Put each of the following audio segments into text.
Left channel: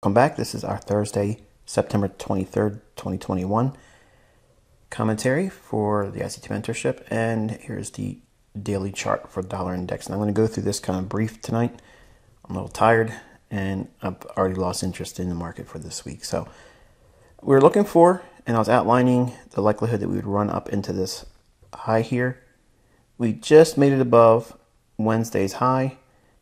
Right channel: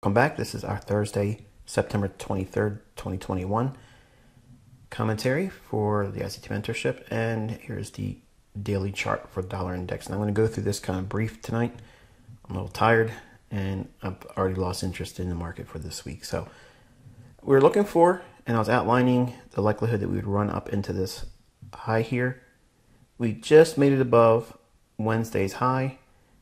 Welcome back. This is our Thursday, September 23rd, 2021 commentary for the ICT mentorship. And here's the daily chart for dollar index. And I'm going to go through this kind of brief tonight. I'm a little tired and I've already lost interest in the market for this week. So we're looking for, and I was outlining the likelihood that we would run up into this high here. We just made it above Wednesday's high,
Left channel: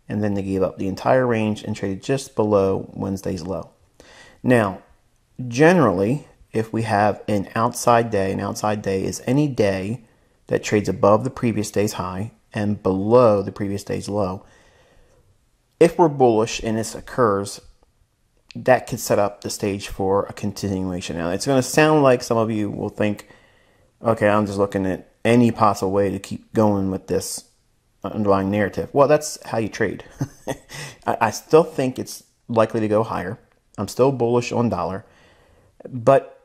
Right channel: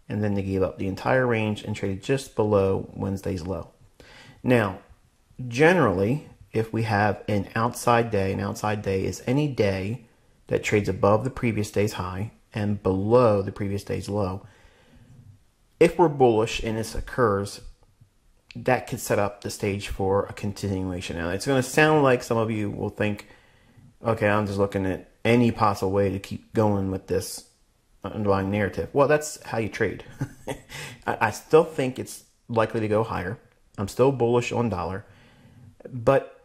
and then they gave up the entire range and traded just below Wednesday's low. Now, generally, if we have an outside day is any day that trades above the previous day's high and below the previous day's low. If we're bullish and this occurs, that could set up the stage for a continuation. Now, it's going to sound like some of you will think, okay, I'm just looking at any possible way to keep going with this underlying narrative. Well, that's how you trade. I still think it's likely to go higher. I'm still bullish on dollar. But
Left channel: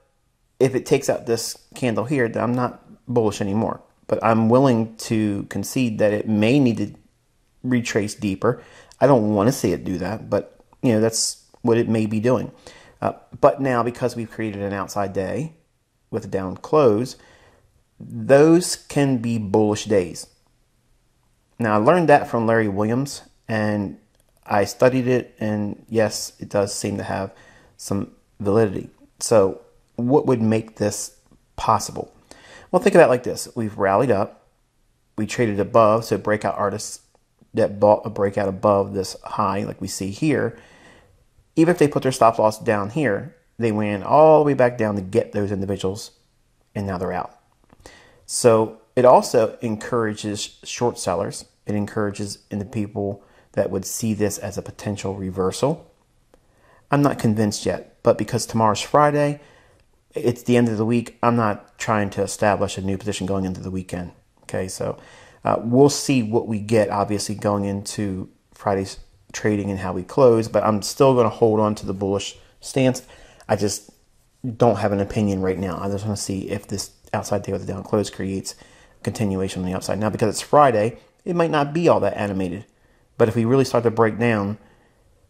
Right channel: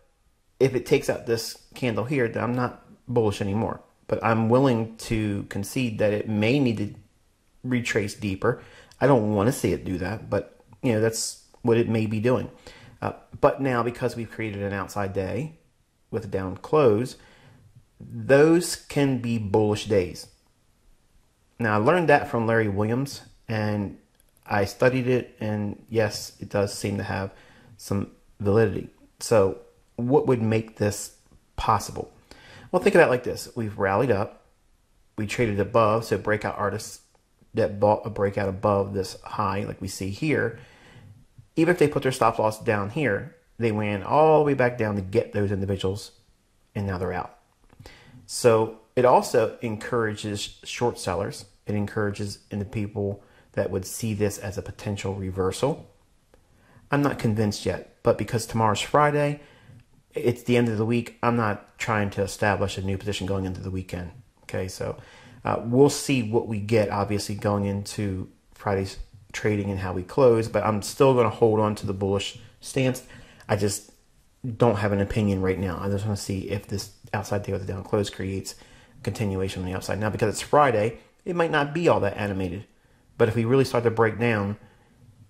if it takes out this candle here, then I'm not bullish anymore. But I'm willing to concede that it may need to retrace deeper. I don't want to see it do that, but that's what it may be doing. But now, because we've created an outside day with a down close, those can be bullish days. Now, I learned that from Larry Williams, and I studied it, and yes, it does seem to have some validity. So what would make this possible? Well, think of that like this. We've rallied up. We traded above, so breakout artists that bought a breakout above this high, like we see here, even if they put their stop loss down here, they ran all the way back down to get those individuals, and now they're out. So it also encourages short sellers. It encourages in the people that would see this as a potential reversal. I'm not convinced yet, but because tomorrow's Friday, it's the end of the week, I'm not trying to establish a new position going into the weekend. Okay, so we'll see what we get, obviously, going into Friday's trading and how we close, but I'm still going to hold on to the bullish stance. I just don't have an opinion right now. I just want to see if this outside day with the down close creates a continuation on the upside. Now, because it's Friday, it might not be all that animated. But if we really start to break down,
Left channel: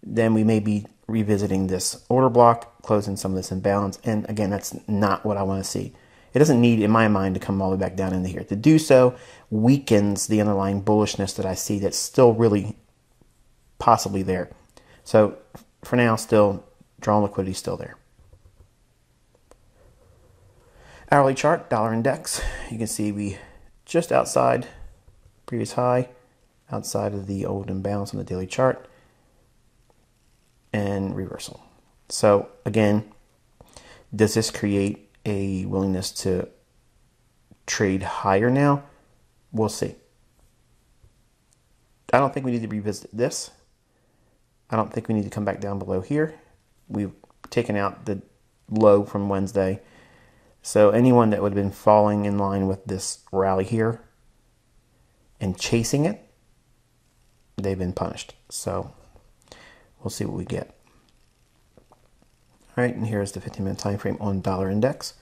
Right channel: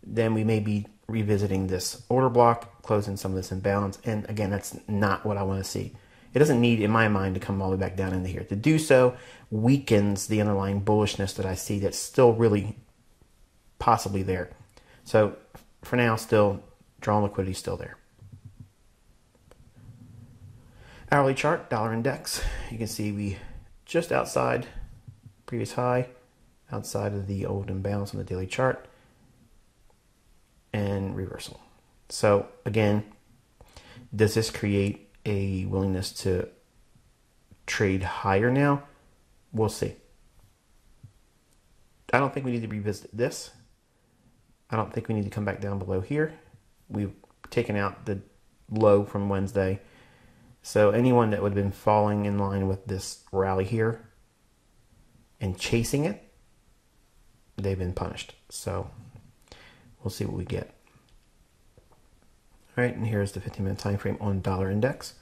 then we may be revisiting this order block, closing some of this imbalance. And again, that's not what I want to see. It doesn't need, in my mind, to come all the way back down into here. To do so weakens the underlying bullishness that I see that's still really possibly there. So for now, still, drawn liquidity still there. Hourly chart, dollar index. You can see we just outside previous high, outside of the old imbalance on the daily chart, and reversal. So again, does this create a willingness to trade higher now? We'll see. I don't think we need to revisit this. I don't think we need to come back down below here. We've taken out the low from Wednesday. So anyone that would have been falling in line with this rally here and chasing it, they've been punished. So we'll see what we get. All right, and here's the 15-minute time frame on dollar index.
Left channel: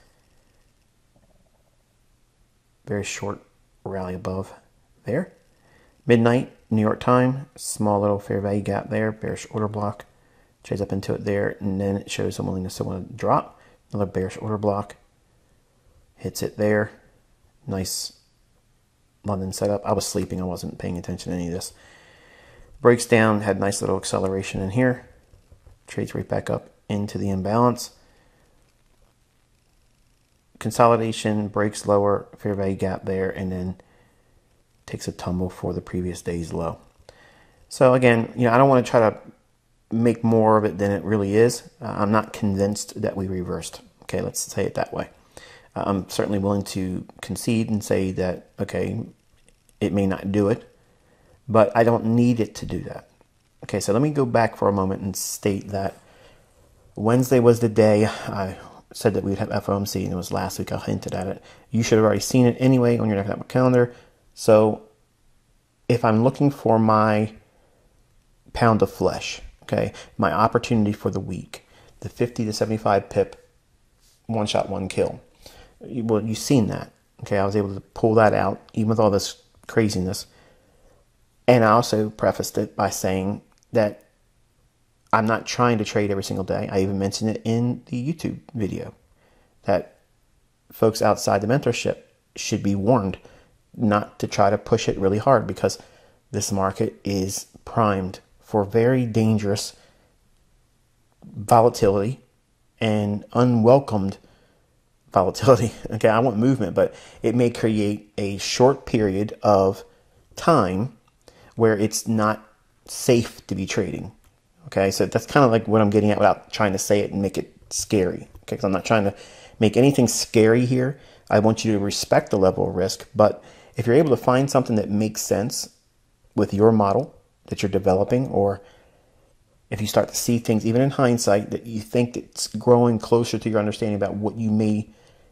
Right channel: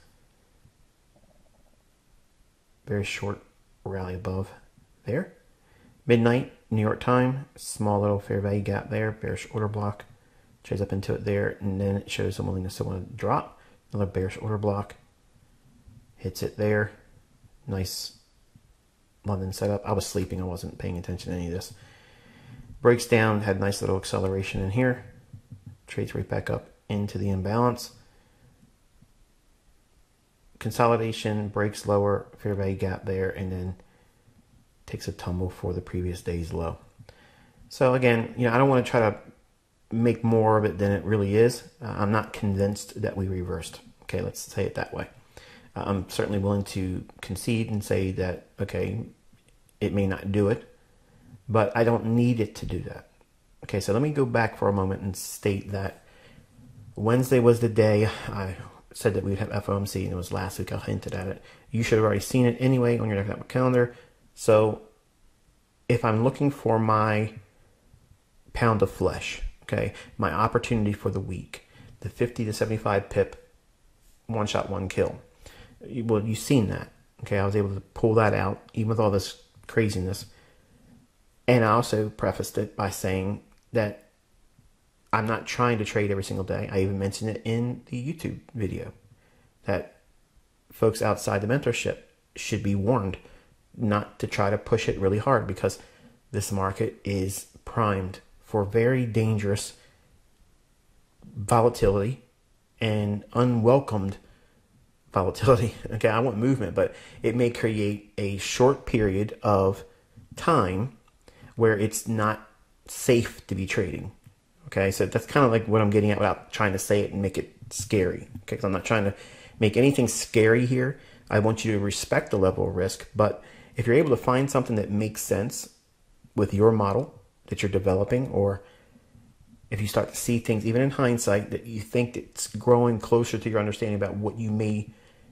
Very short rally above there. Midnight, New York time, small little fair value gap there, bearish order block. Trades up into it there, and then it shows some willingness to want to drop. Another bearish order block. Hits it there. Nice London setup. I was sleeping. I wasn't paying attention to any of this. Breaks down. Had nice little acceleration in here. Trades right back up into the imbalance. Consolidation. Breaks lower. Fair value gap there. And then takes a tumble for the previous day's low. So again, I don't want to try to make more of it than it really is. I'm not convinced that we reversed. Okay, let's say it that way. I'm certainly willing to concede and say that, okay, it may not do it, but I don't need it to do that. Okay, so let me go back for a moment and state that Wednesday was the day I said that we'd have FOMC, and it was last week I hinted at it. You should have already seen it anyway on your economic calendar. So if I'm looking for my pound of flesh, okay, my opportunity for the week, the 50 to 75 pip, one shot, one kill. Well, you've seen that. Okay, I was able to pull that out, even with all this craziness. And I also prefaced it by saying that I'm not trying to trade every single day. I even mentioned it in the YouTube video that folks outside the mentorship should be warned not to try to push it really hard, because this market is primed for very dangerous volatility and unwelcomed volatility. Okay, I want movement, but it may create a short period of time where it's not safe to be trading. Okay, so that's kind of like what I'm getting at without trying to say it and make it scary. Okay, because I'm not trying to make anything scary here. I want you to respect the level of risk, but if you're able to find something that makes sense with your model that you're developing, or if you start to see things, even in hindsight, that you think it's growing closer to your understanding about what you may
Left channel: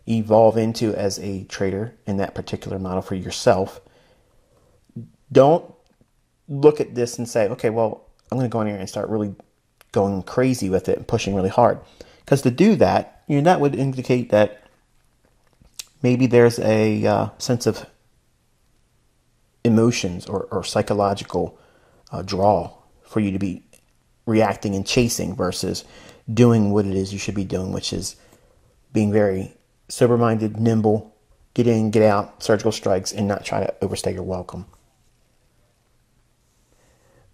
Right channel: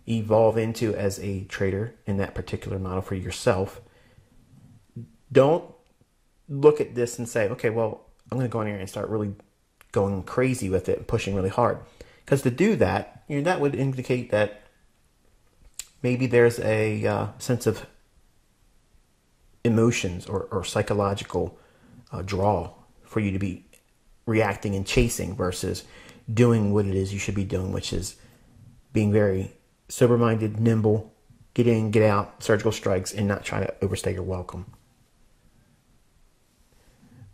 evolve into as a trader in that particular model for yourself, don't look at this and say, okay, well, I'm going to go in here and start really going crazy with it and pushing really hard. Because to do that, that would indicate that maybe there's a sense of emotions or psychological draw for you to be reacting and chasing versus doing what it is you should be doing, which is being very sober-minded, nimble, get in, get out, surgical strikes, and not try to overstay your welcome.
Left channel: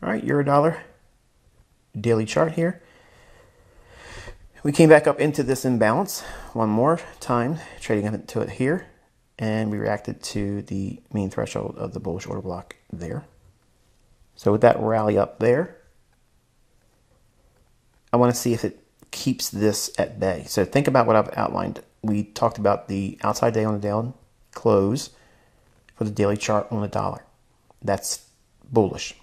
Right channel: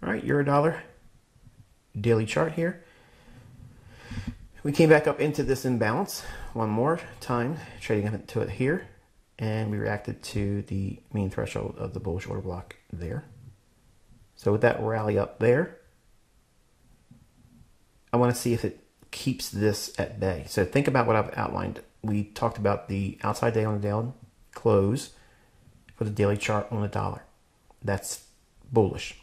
All right, Eurodollar daily chart here. We came back up into this imbalance one more time, trading up into it here, and we reacted to the mean threshold of the bullish order block there. So with that rally up there, I want to see if it keeps this at bay. So think about what I've outlined. We talked about the outside day on the daily close for the daily chart on the dollar. That's bullish,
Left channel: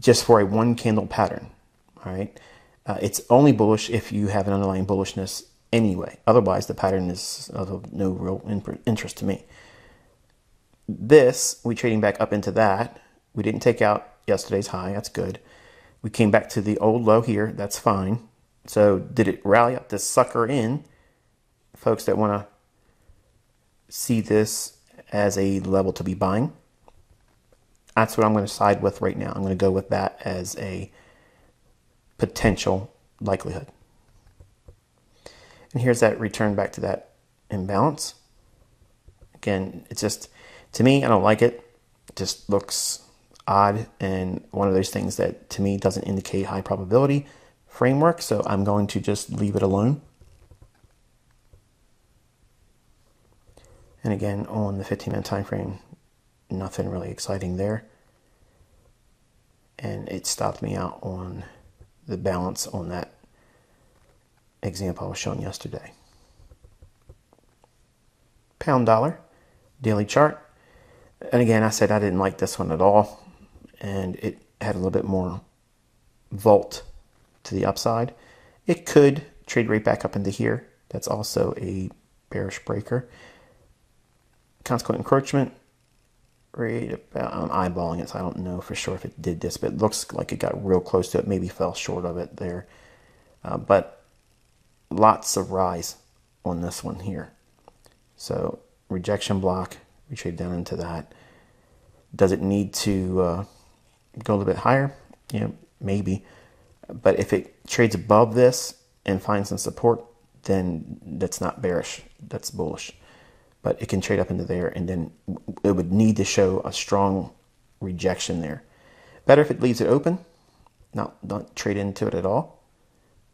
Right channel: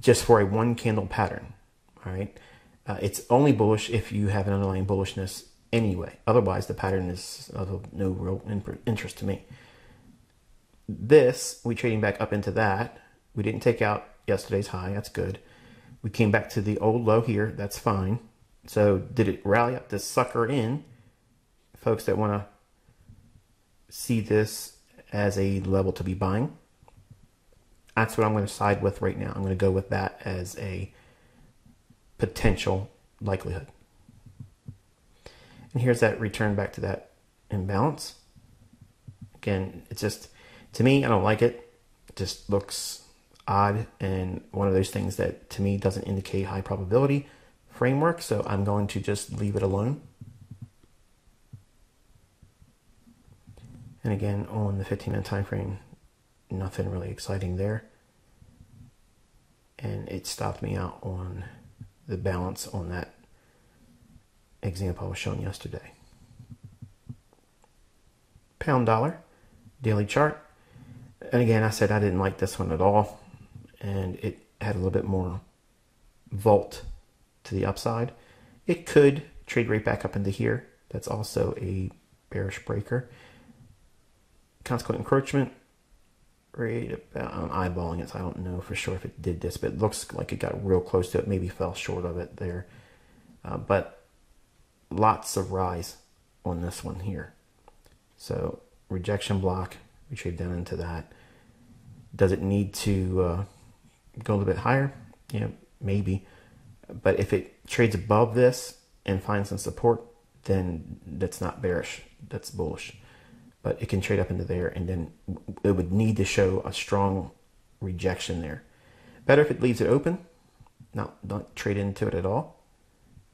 just for a one candle pattern. All right. It's only bullish if you have an underlying bullishness anyway. Otherwise, the pattern is of no real interest to me. This, we trading back up into that. We didn't take out yesterday's high. That's good. We came back to the old low here. That's fine. So did it rally up this sucker in? Folks that want to see this as a level to be buying, that's what I'm going to side with right now. I'm going to go with that as a potential likelihood. And here's that return back to that imbalance. Again, it's just, to me, I don't like it. It just looks odd and one of those things that to me doesn't indicate high probability framework. So I'm going to just leave it alone. And again, on the 15-minute time frame, nothing really exciting there. And it stopped me out on the balance on that example I was showing yesterday. Pound dollar, daily chart. And again, I said I didn't like this one at all. And it had a little bit more volt to the upside. It could trade right back up into here. That's also a bearish breaker. Consequent encroachment. Right about, I'm eyeballing it, so I don't know for sure if it did this, but it looks like it got real close to it, maybe fell short of it there. But lots of rise on this one here. So rejection block, we trade down into that. Does it need to go a little bit higher? Yeah, maybe. But if it trades above this and finds some support, then that's not bearish, that's bullish. But it can trade up into there, and then it would need to show a strong rejection there. Better if it leaves it open, don't trade into it at all.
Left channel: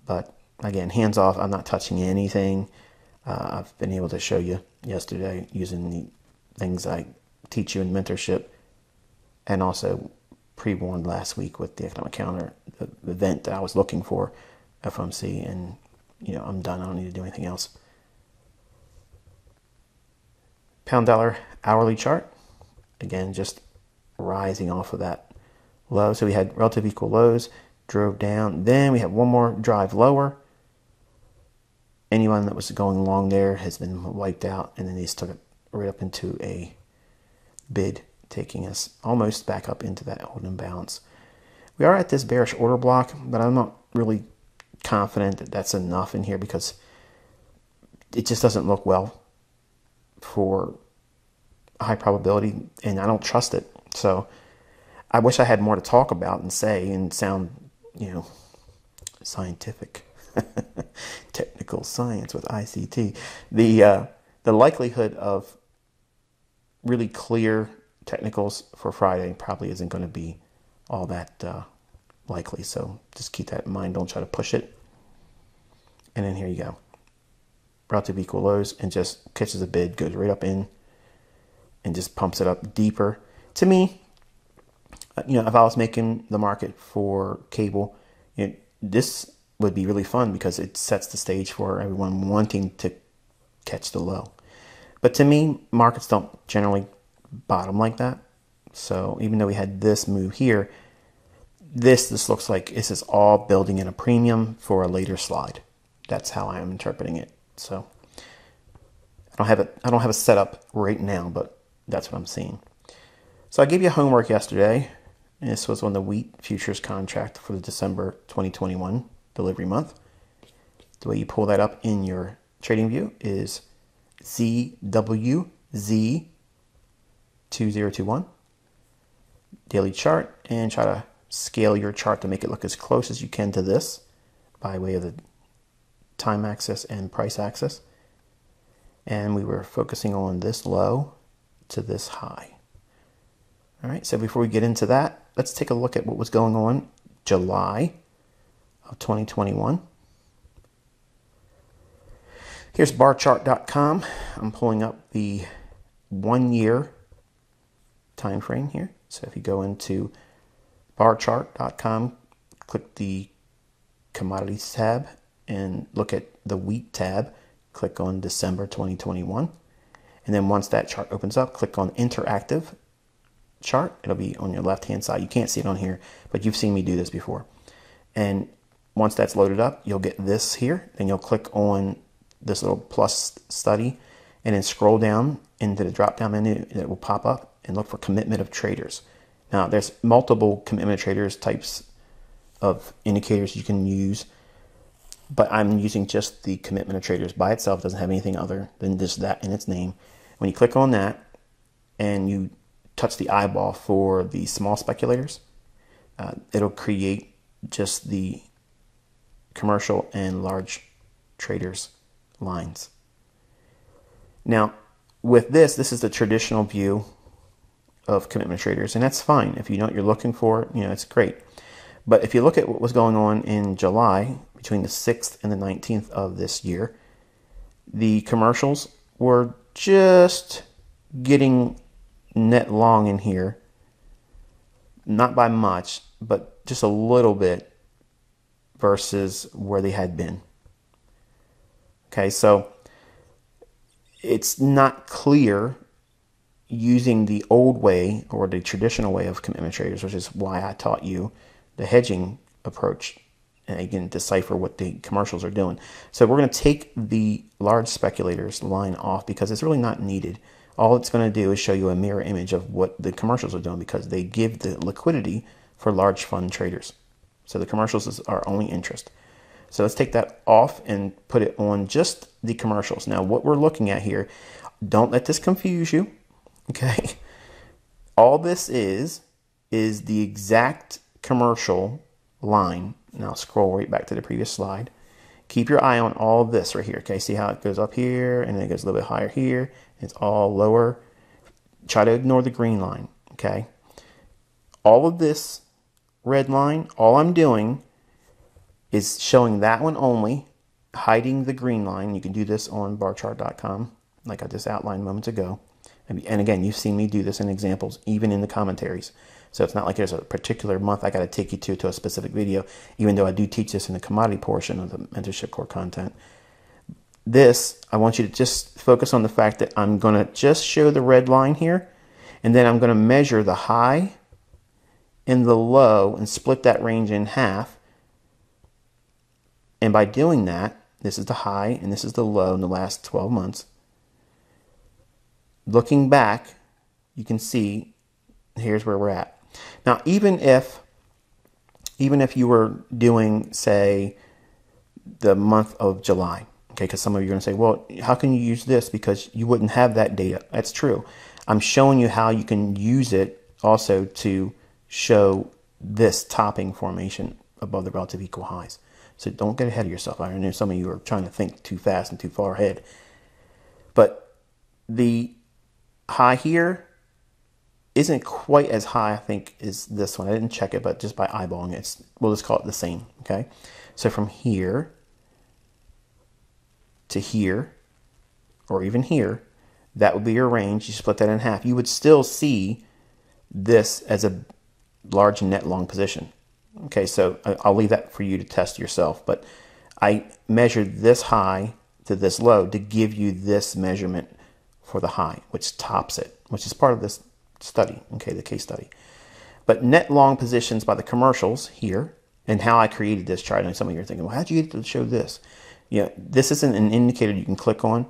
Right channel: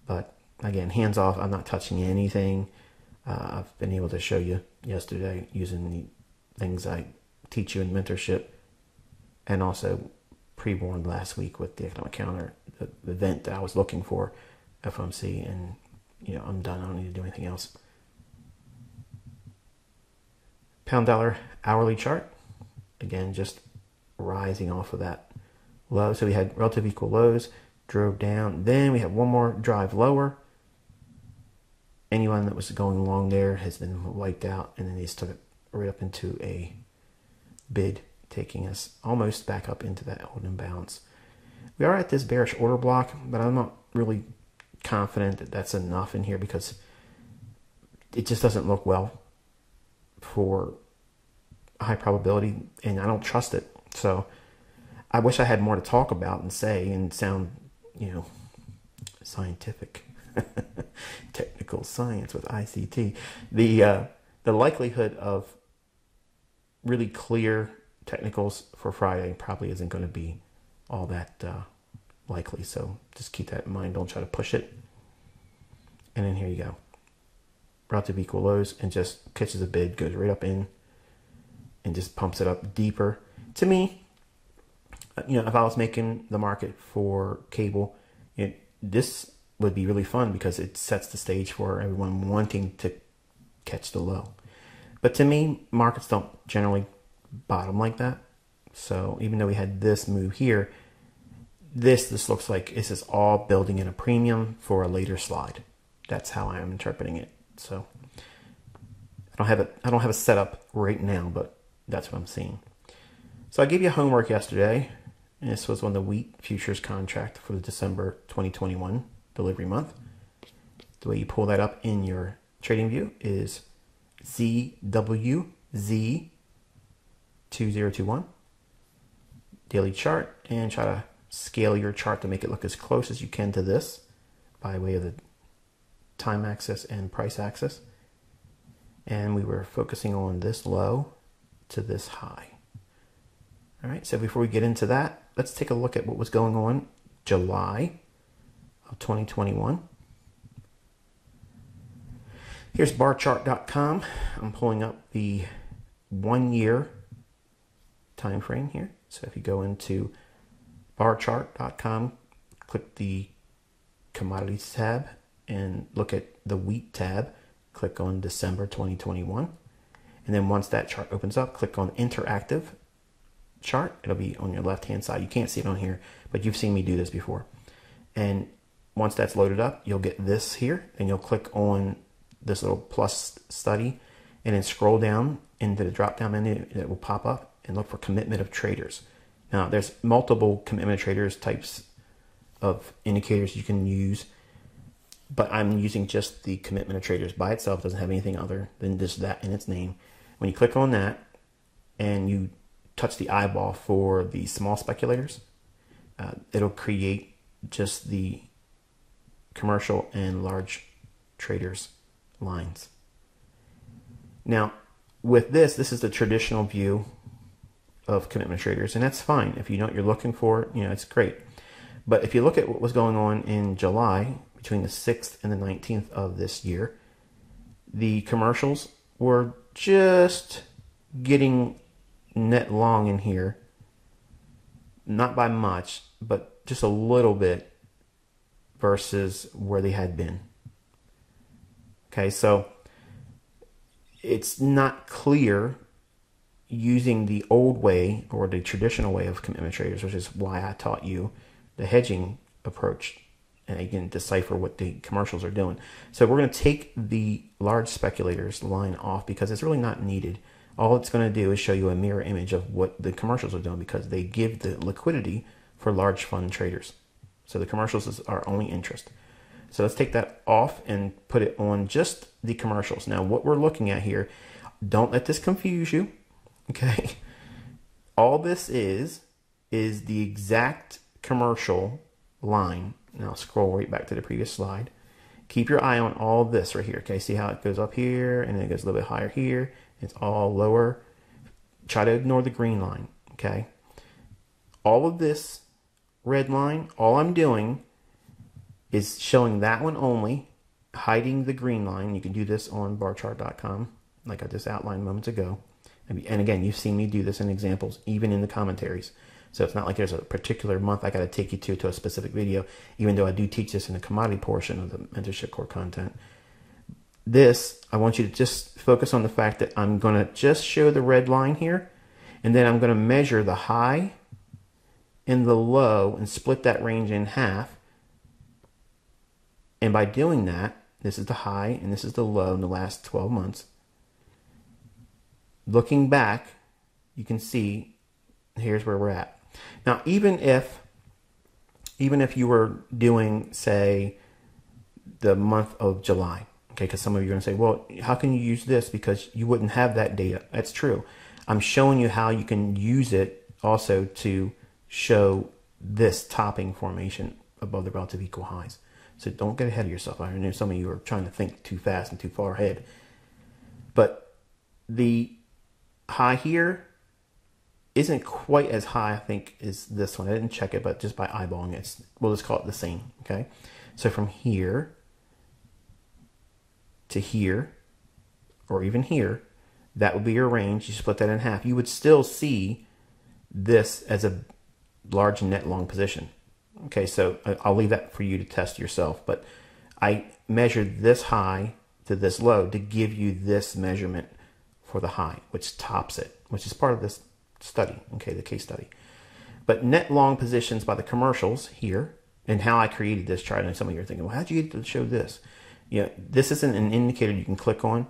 But again, hands off, I'm not touching anything. I've been able to show you yesterday using the things I teach you in mentorship, and also pre-warned last week with the economic counter, the event that I was looking for, FOMC, and I'm done. I don't need to do anything else. Pound dollar hourly chart, again, just rising off of that low. So we had relative equal lows, drove down. Then we had one more drive lower. Anyone that was going long there has been wiped out, and then these took it right up into a bid, taking us almost back up into that old imbalance. We are at this bearish order block, but I'm not really confident that that's enough in here because it just doesn't look well for high probability, and I don't trust it. So I wish I had more to talk about and say and sound, scientific, technical science with ICT. The likelihood of really clear technicals for Friday probably isn't going to be all that likely. So just keep that in mind. Don't try to push it. And then here you go. Relative equal lows, and just catches a bid, goes right up in, and just pumps it up deeper. To me, if I was making the market for cable, this would be really fun because it sets the stage for everyone wanting to catch the low. But to me, markets don't generally bottom like that. So even though we had this move here, this looks like this is all building in a premium for a later slide. That's how I am interpreting it. So I don't have a setup right now, but that's what I'm seeing. So I gave you homework yesterday. And this was on the wheat futures contract for the December 2021 delivery month. The way you pull that up in your trading view is ZWZ2021 daily chart, and try to scale your chart to make it look as close as you can to this by way of the time axis and price axis. And we were focusing on this low to this high. All right, so before we get into that, let's take a look at what was going on July of 2021. Here's barchart.com. I'm pulling up the 1 year time frame here. So if you go into barchart.com, click the commodities tab and look at the wheat tab, click on December 2021. And then once that chart opens up, click on interactive chart. It'll be on your left hand side. You can't see it on here, but you've seen me do this before. And once that's loaded up, you'll get this here, and you'll click on this little plus study and then scroll down into the drop down menu that will pop up and look for commitment of traders. Now there's multiple commitment of traders types of indicators you can use, but I'm using just the commitment of traders by itself. It doesn't have anything other than just that in its name. When you click on that and you touch the eyeball for the small speculators, it'll create just the commercial and large traders lines. Now with this is the traditional view of commitment traders, and that's fine. If you know what you're looking for, it's great. But if you look at what was going on in July between the 6th and the 19th of this year, the commercials were just getting net long in here, not by much, but just a little bit versus where they had been. Okay, so it's not clear using the old way or the traditional way of commitment traders, which is why I taught you the hedging approach, and again, decipher what the commercials are doing. So we're going to take the large speculators line off because it's really not needed. All it's going to do is show you a mirror image of what the commercials are doing because they give the liquidity for large fund traders. So the commercials is our only interest. So let's take that off and put it on just the commercials. Now what we're looking at here, don't let this confuse you, okay? All this is the exact commercial line. Now scroll right back to the previous slide. Keep your eye on all this right here, okay? See how it goes up here and then it goes a little bit higher here. It's all lower. Try to ignore the green line, okay? All of this red line, all I'm doing is showing that one only, hiding the green line. You can do this on barchart.com, like I just outlined moments ago. And again, you've seen me do this in examples, even in the commentaries. So it's not like there's a particular month I got to take you to a specific video, even though I do teach this in the commodity portion of the mentorship core content. This, I want you to just focus on the fact that I'm going to just show the red line here, and then I'm going to measure the high and the low and split that range in half. And by doing that, this is the high and this is the low in the last 12 months. Looking back, you can see here's where we're at. Now, even if you were doing, say, the month of July, okay, because some of you are going to say, well, how can you use this? Because you wouldn't have that data. That's true. I'm showing you how you can use it also to show this topping formation above the relative equal highs. So don't get ahead of yourself. I know some of you are trying to think too fast and too far ahead. But the high here isn't quite as high, I think, as this one. I didn't check it, but just by eyeballing it, we'll just call it the same, okay? So from here to here, or even here, that would be your range. You split that in half. You would still see this as a large net long position. Okay, so I'll leave that for you to test yourself, but I measured this high to this low to give you this measurement for the high, which tops it, which is part of this study, okay, the case study. But net long positions by the commercials here, and how I created this chart. And some of you are thinking, well, how'd you get to show this? You know, this isn't an indicator you can click on.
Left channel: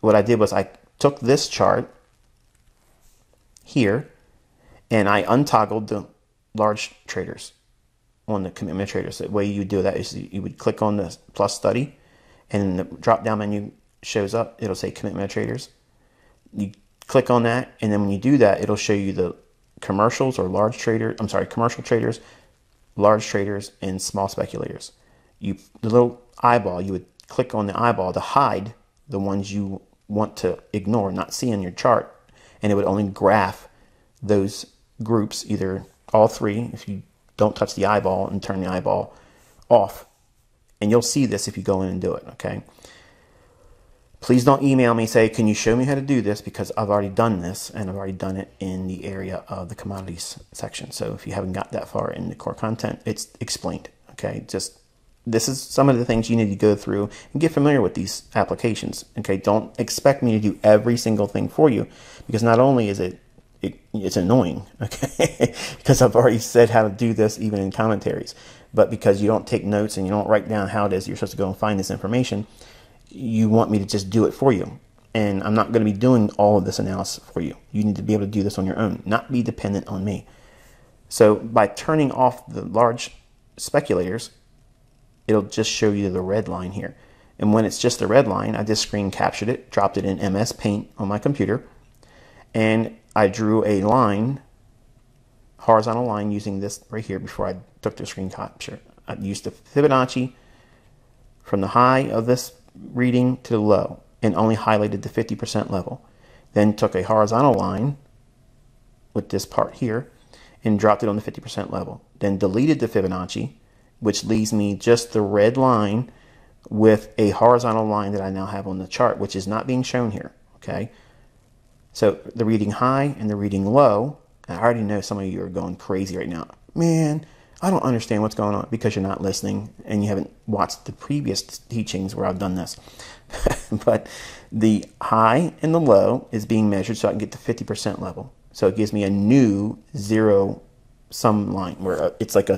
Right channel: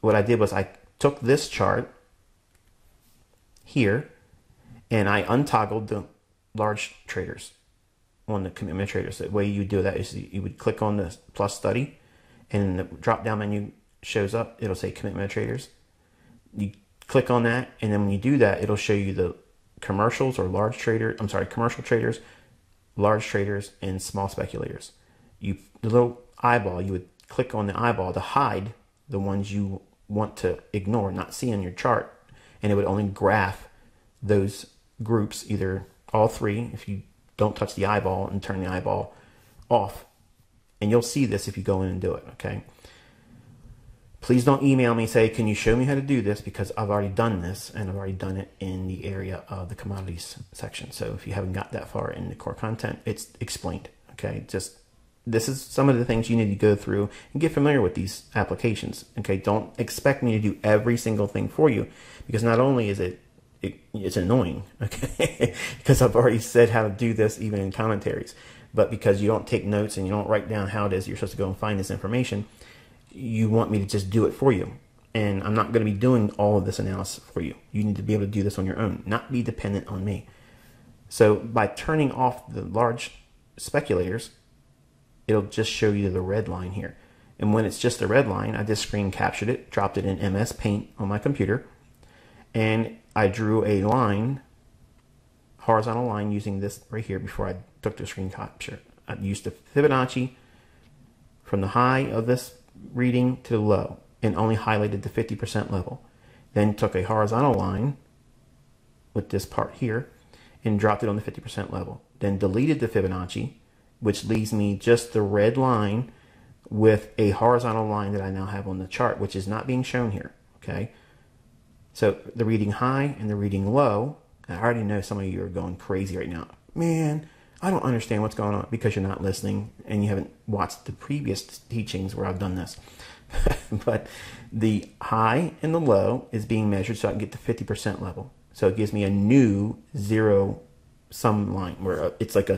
What I did was I took this chart here and I untoggled the large traders on the commitment traders. The way you do that is you would click on the plus study, and the drop down menu shows up. It'll say commitment traders. You click on that, and then when you do that, it'll show you the commercials or large trader. I'm sorry, commercial traders, large traders, and small speculators. The little eyeball, you would click on the eyeball to hide the ones you want to ignore, not see on your chart, and it would only graph those groups, either all three if you don't touch the eyeball and turn the eyeball off. And you'll see this if you go in and do it, okay? Please don't email me and say, can you show me how to do this? Because I've already done this, and I've already done it in the area of the commodities section. So if you haven't got that far in the core content, it's explained, okay? Just this is some of the things you need to go through and get familiar with these applications, okay? Don't expect me to do every single thing for you, because not only is it's annoying, okay? Because I've already said how to do this even in commentaries, but because you don't take notes and you don't write down how it is you're supposed to go and find this information, you want me to just do it for you. And I'm not going to be doing all of this analysis for you. You need to be able to do this on your own, not be dependent on me. So by turning off the large speculators, it'll just show you the red line here. And when it's just the red line, I just screen captured it, dropped it in MS Paint on my computer, and I drew a line, horizontal line, using this right here before I took the screen capture. I used the Fibonacci from the high of this reading to the low and only highlighted the 50% level. Then took a horizontal line with this part here and dropped it on the 50% level. Then deleted the Fibonacci, which leaves me just the red line with a horizontal line that I now have on the chart, which is not being shown here, okay? So the reading high and the reading low, I already know some of you are going crazy right now. Man, I don't understand what's going on, because you're not listening and you haven't watched the previous teachings where I've done this. But the high and the low is being measured so I can get the 50% level. So it gives me a new zero sum line where it's like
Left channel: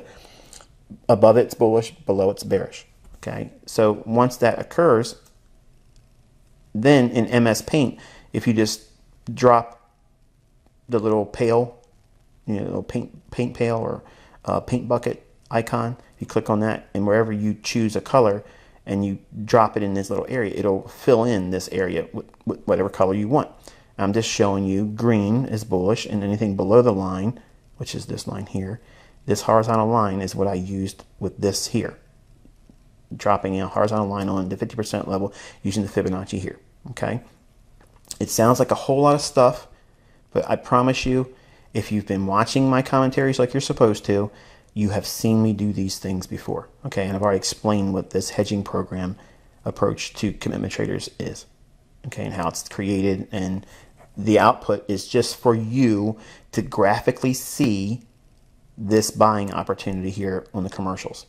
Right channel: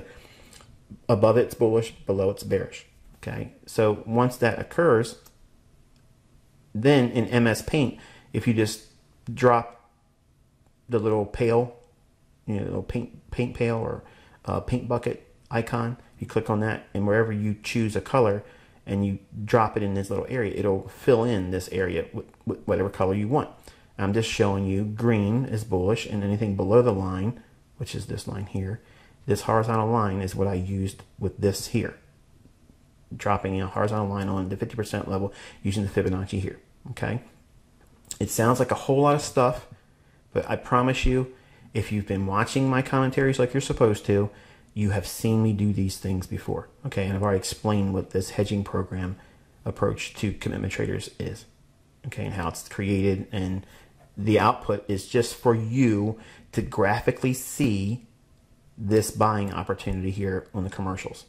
above it's bullish, below it's bearish. Okay, so once that occurs, then in MS Paint, if you just drop the little pail, you know, paint pail or paint bucket icon, you click on that, and wherever you choose a color and you drop it in this little area, it'll fill in this area with whatever color you want. I'm just showing you green is bullish, and anything below the line, which is this line here, this horizontal line is what I used with this here. Dropping a horizontal line on the 50% level using the Fibonacci here, okay? It sounds like a whole lot of stuff, but I promise you, if you've been watching my commentaries like you're supposed to, you have seen me do these things before, okay? And I've already explained what this hedging program approach to commitment traders is, okay, and how it's created, and the output is just for you to graphically see this buying opportunity here on the commercials.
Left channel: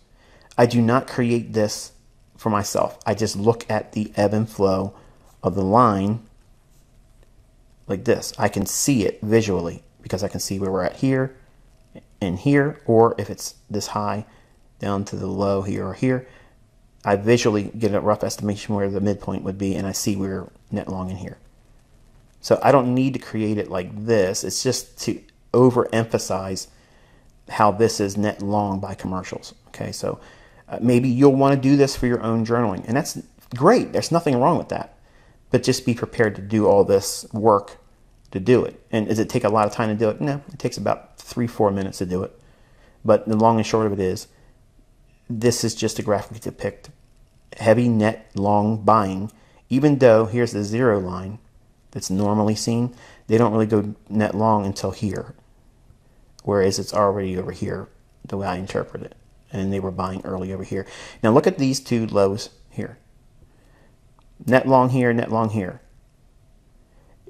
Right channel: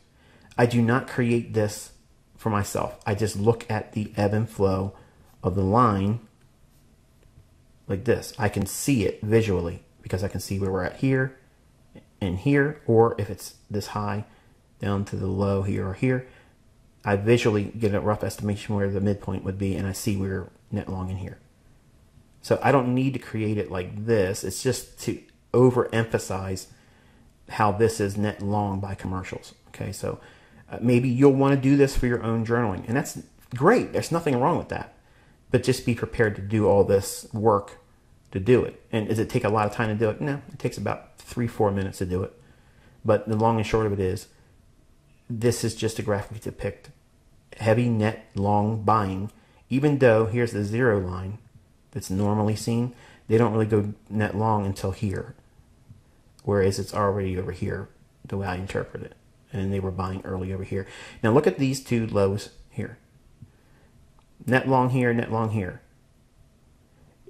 I do not create this for myself. I just look at the ebb and flow of the line like this. I can see it visually because I can see where we're at here and here, or if it's this high down to the low here or here, I visually get a rough estimation where the midpoint would be, and I see we're net long in here. So I don't need to create it like this. It's just to overemphasize how this is net long by commercials. Okay, so maybe you'll want to do this for your own journaling, and that's great. There's nothing wrong with that. But just be prepared to do all this work to do it. And does it take a lot of time to do it? No, it takes about 3-4 minutes to do it. But the long and short of it is, this is just a graphic to depict heavy net long buying, even though here's the zero line that's normally seen. They don't really go net long until here, whereas it's already over here, the way I interpret it. And they were buying early over here. Now look at these two lows here. Net long here, net long here.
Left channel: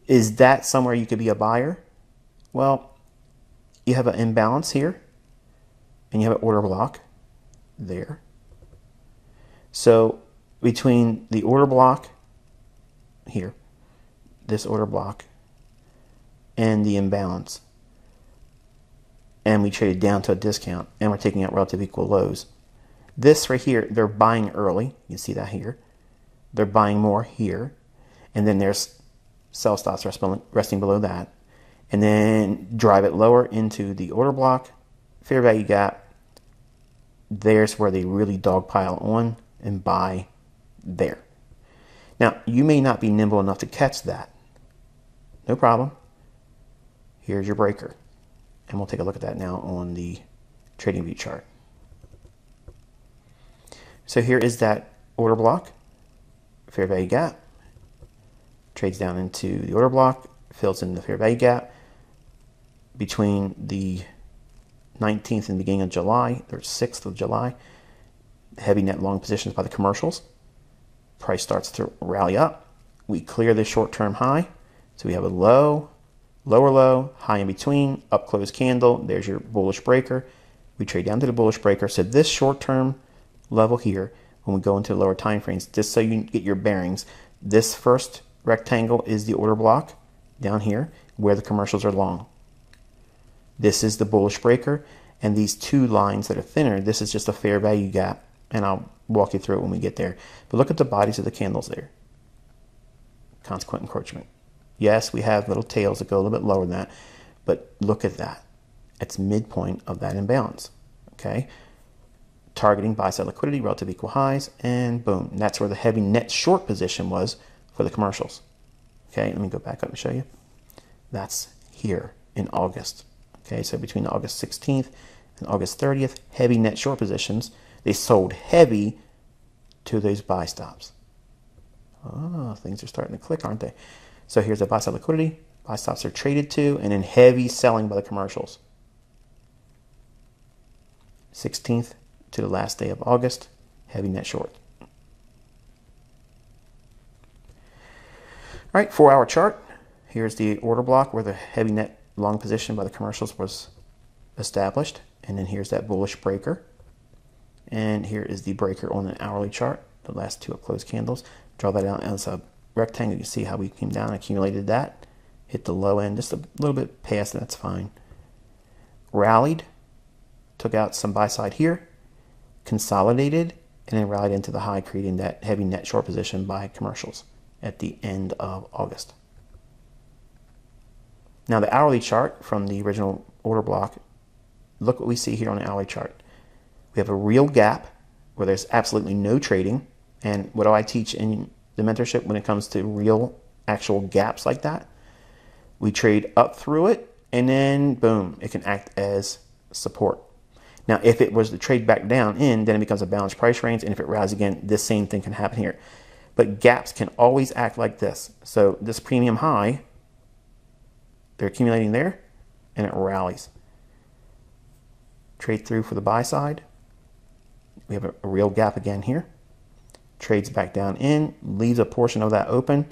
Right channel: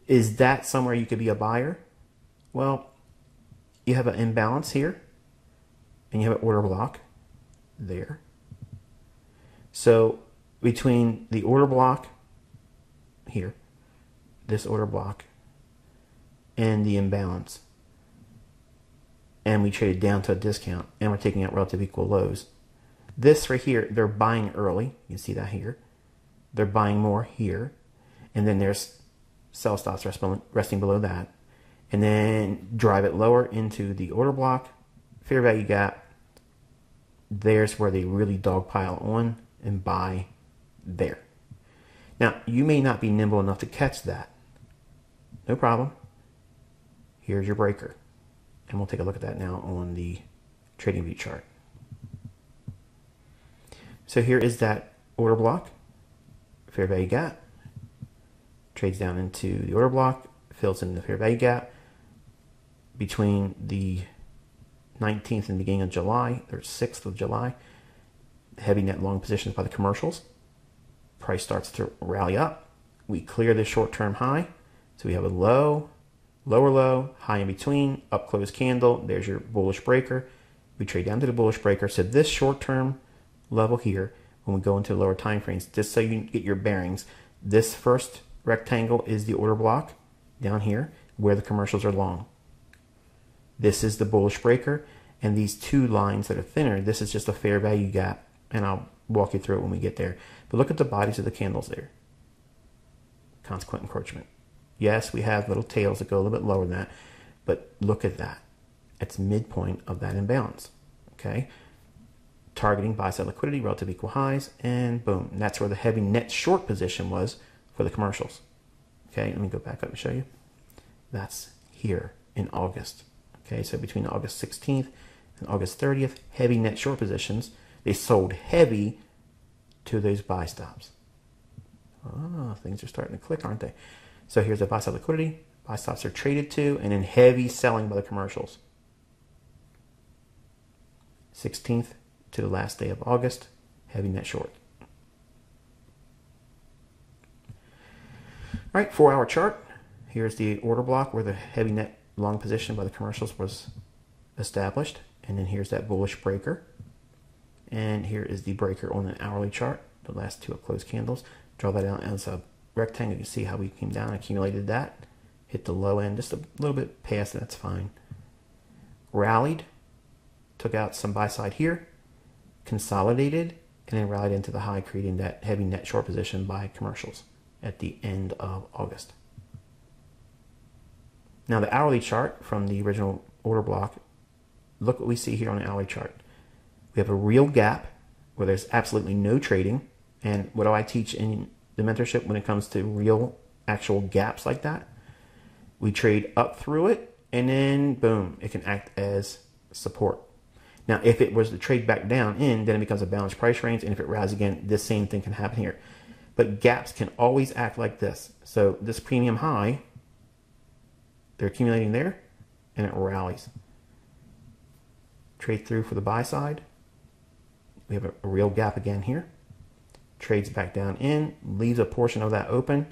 Is that somewhere you could be a buyer? Well, you have an imbalance here, and you have an order block there. So between the order block here, this order block, and the imbalance, and we traded down to a discount, and we're taking out relative equal lows. This right here, they're buying early. You can see that here. They're buying more here. And then there's sell stops resting below that. And then drive it lower into the order block, fair value gap. There's where they really dogpile on and buy there. Now, you may not be nimble enough to catch that. No problem. Here's your breaker. And we'll take a look at that now on the TradingView chart. So here is that order block, fair value gap, trades down into the order block, fills in the fair value gap between the 19th and beginning of July, or 6th of July. Heavy net long positions by the commercials. Price starts to rally up. We clear the short-term high. So we have a low, lower low, high in between, up close candle. There's your bullish breaker. We trade down to the bullish breaker. So this short-term level here, when we go into lower time frames, just so you get your bearings, this first rectangle is the order block down here where the commercials are long. This is the bullish breaker, and these two lines that are thinner, this is just a fair value gap, and I'll walk you through it when we get there. But look at the bodies of the candles there. Consequent encroachment. Yes, we have little tails that go a little bit lower than that, but look at that. It's midpoint of that imbalance. Okay, targeting buy-side liquidity, relative equal highs, and boom. That's where the heavy net short position was for the commercials. Okay, let me go back up and show you. That's here in August. Okay, so between August 16th and August 30th, heavy net short positions. They sold heavy to those buy stops. Oh, things are starting to click, aren't they? So here's the buy-side liquidity. Buy stops are traded to, and then heavy selling by the commercials. 16th to the last day of August, heavy net short. All right, 4-hour chart. Here's the order block where the heavy net long position by the commercials was established. And then here's that bullish breaker. And here is the breaker on an hourly chart, the last two up close candles. Draw that out as a rectangle. You can see how we came down and accumulated that. Hit the low end, just a little bit past, that's fine. Rallied, took out some buy side here, consolidated, and then rallied into the high, creating that heavy net short position by commercials at the end of August. Now the hourly chart from the original order block, look what we see here on the hourly chart. We have a real gap where there's absolutely no trading. And what do I teach in the mentorship when it comes to real actual gaps like that? We trade up through it, and then boom, it can act as support. Now, if it was to trade back down in, then it becomes a balanced price range, and if it rallies again, this same thing can happen here. But gaps can always act like this. So this premium high, they're accumulating there, and it rallies. Trade through for the buy side. We have a real gap again here. Trades back down in, leaves a portion of that open,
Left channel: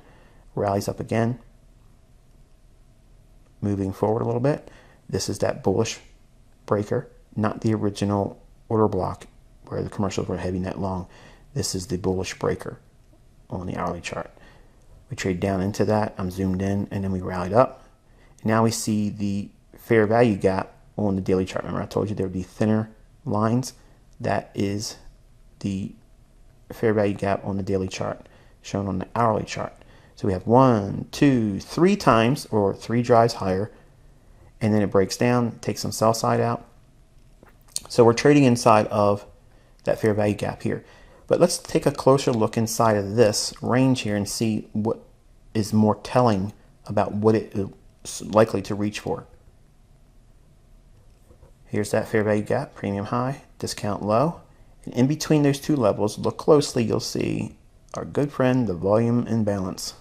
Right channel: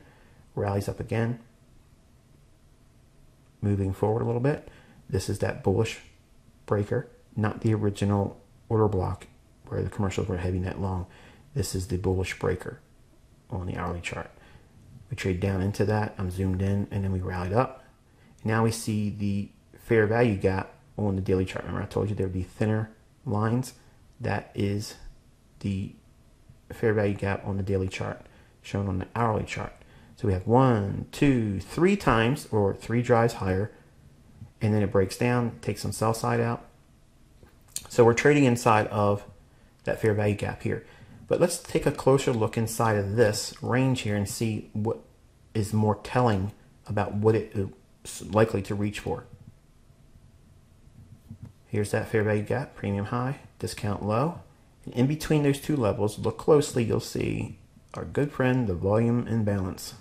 rallies up again. Moving forward a little bit, this is that bullish breaker, not the original order block where the commercials were heavy net long. This is the bullish breaker on the hourly chart. We trade down into that, I'm zoomed in, and then we rallied up. Now we see the fair value gap on the daily chart. Remember I told you there would be thinner lines? That is the fair value gap on the daily chart shown on the hourly chart. So we have 1, 2, 3 times, or 3 drives higher, and then it breaks down, takes some sell side out. So we're trading inside of that fair value gap here. But let's take a closer look inside of this range here and see what is more telling about what it is likely to reach for. Here's that fair value gap, premium high, discount low, And in between those two levels, look closely, you'll see our good friend, the volume imbalance.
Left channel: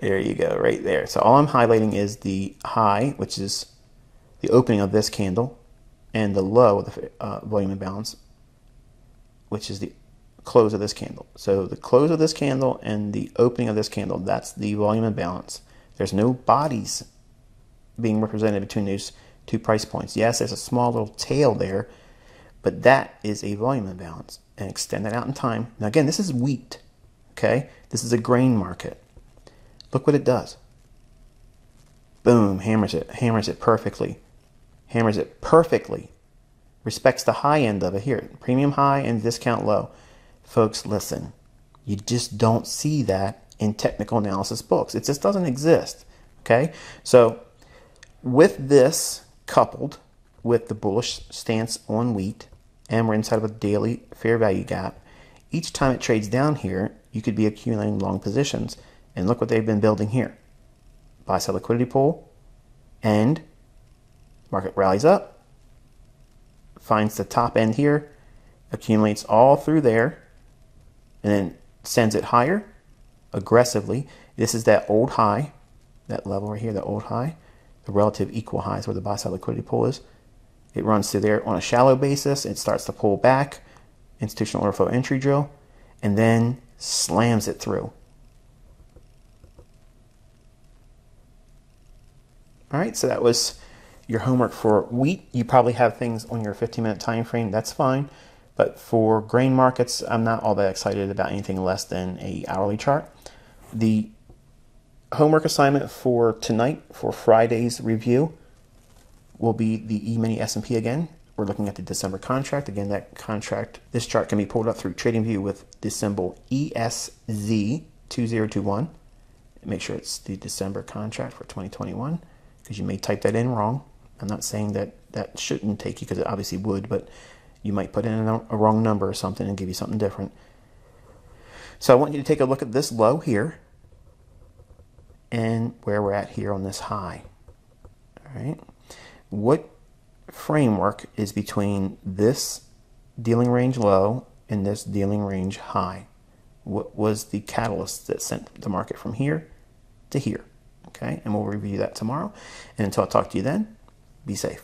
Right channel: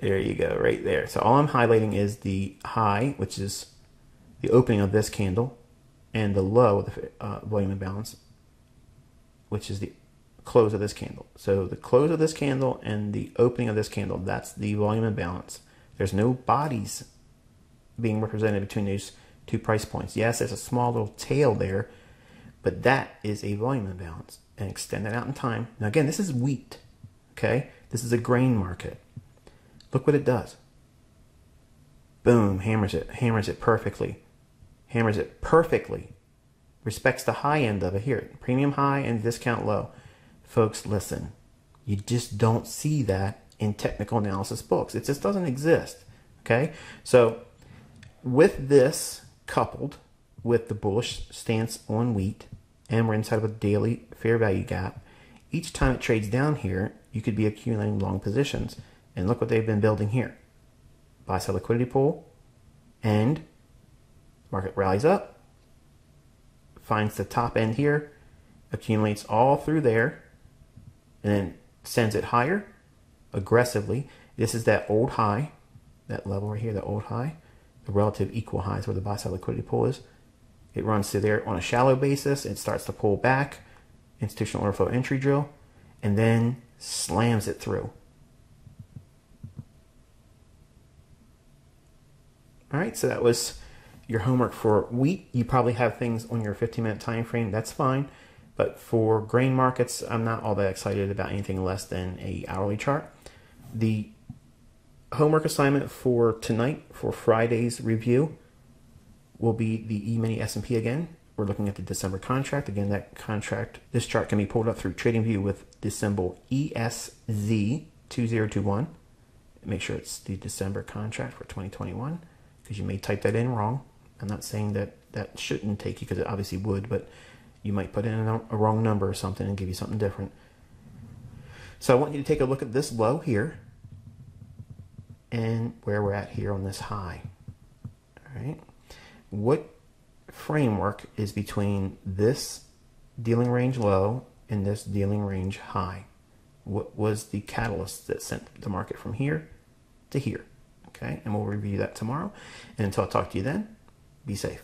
There you go, right there. So all I'm highlighting is the high, which is the opening of this candle, and the low, the volume imbalance, which is the close of this candle. So the close of this candle and the opening of this candle, that's the volume imbalance. There's no bodies being represented between those two price points. Yes, there's a small little tail there, but that is a volume imbalance. And extend that out in time. Now again, this is wheat, okay? This is a grain market. Look what it does. Boom, hammers it perfectly. Hammers it perfectly. Respects the high end of it here. Premium high and discount low. Folks, listen. You just don't see that in technical analysis books. It just doesn't exist. Okay? So with this coupled with the bullish stance on wheat, and we're inside of a daily fair value gap, each time it trades down here, you could be accumulating long positions. And look what they've been building here. Buy sell liquidity pool, and market rallies up, finds the top end here, accumulates all through there, and then sends it higher aggressively. This is that old high, that level right here, that old high, the relative equal highs where the buy sell liquidity pool is. It runs through there on a shallow basis. It starts to pull back, institutional order flow entry drill, and then slams it through. All right, so that was your homework for wheat. You probably have things on your 15-minute time frame. That's fine. But for grain markets, I'm not all that excited about anything less than an hourly chart. The homework assignment for tonight, for Friday's review, will be the E-mini S&P again. We're looking at the December contract. Again, that contract, this chart can be pulled up through TradingView with the symbol ESZ2021. Make sure it's the December contract for 2021. Because you may type that in wrong. I'm not saying that that shouldn't take you, because it obviously would, but you might put in a wrong number or something and give you something different. So I want you to take a look at this low here and where we're at here on this high. All right. What framework is between this dealing range low and this dealing range high? What was the catalyst that sent the market from here to here? Okay, and we'll review that tomorrow. And until I talk to you then, be safe.